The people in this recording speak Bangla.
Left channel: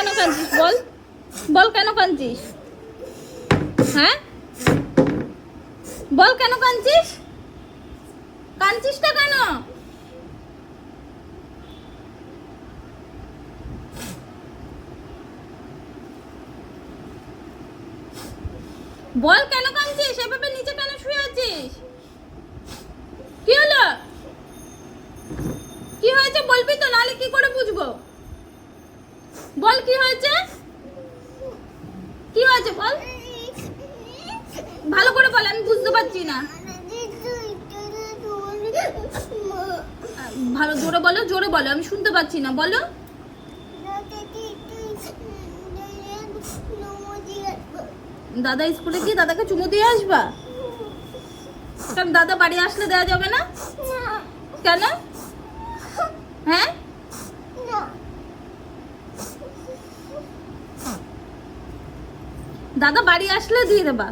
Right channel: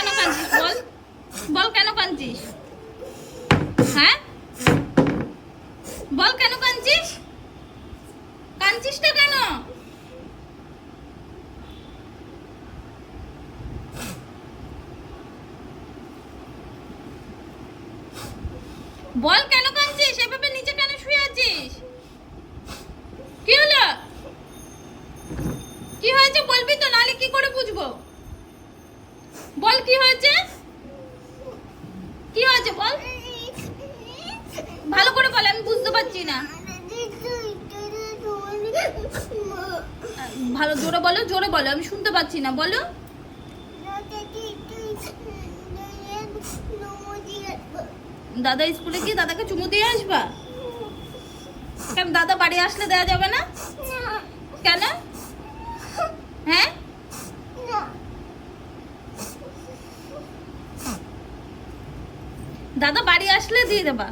কেন কাঁদছিস বল, বল কেন কাঁদছিস? হ্যাঁ বল কেন কাঁদছিস? কাঁদছিসটা কেন? বল কেন কাঁদছিস? এভাবে নিচে কেন শুয়ে আছিস? কি হলো? কি হয়েছে বলবি তো, নালে কি করে বুঝবো? বল কি হয়েছে? কি হয়েছে বল, ভালো করে বল, আমি বুঝতে পারছি না। ভালো জোরে বলো, জোরে বলো, আমি শুনতে পাচ্ছি না, বলো। দাদা স্কুলে গিয়ে দাদাকে চুমু দিয়ে আসবা? কেন দাদা বাড়ি আসলে দেওয়া যাবে না? কেন? হ্যাঁ দাদা বাড়ি আসলে দিয়ে দেবা।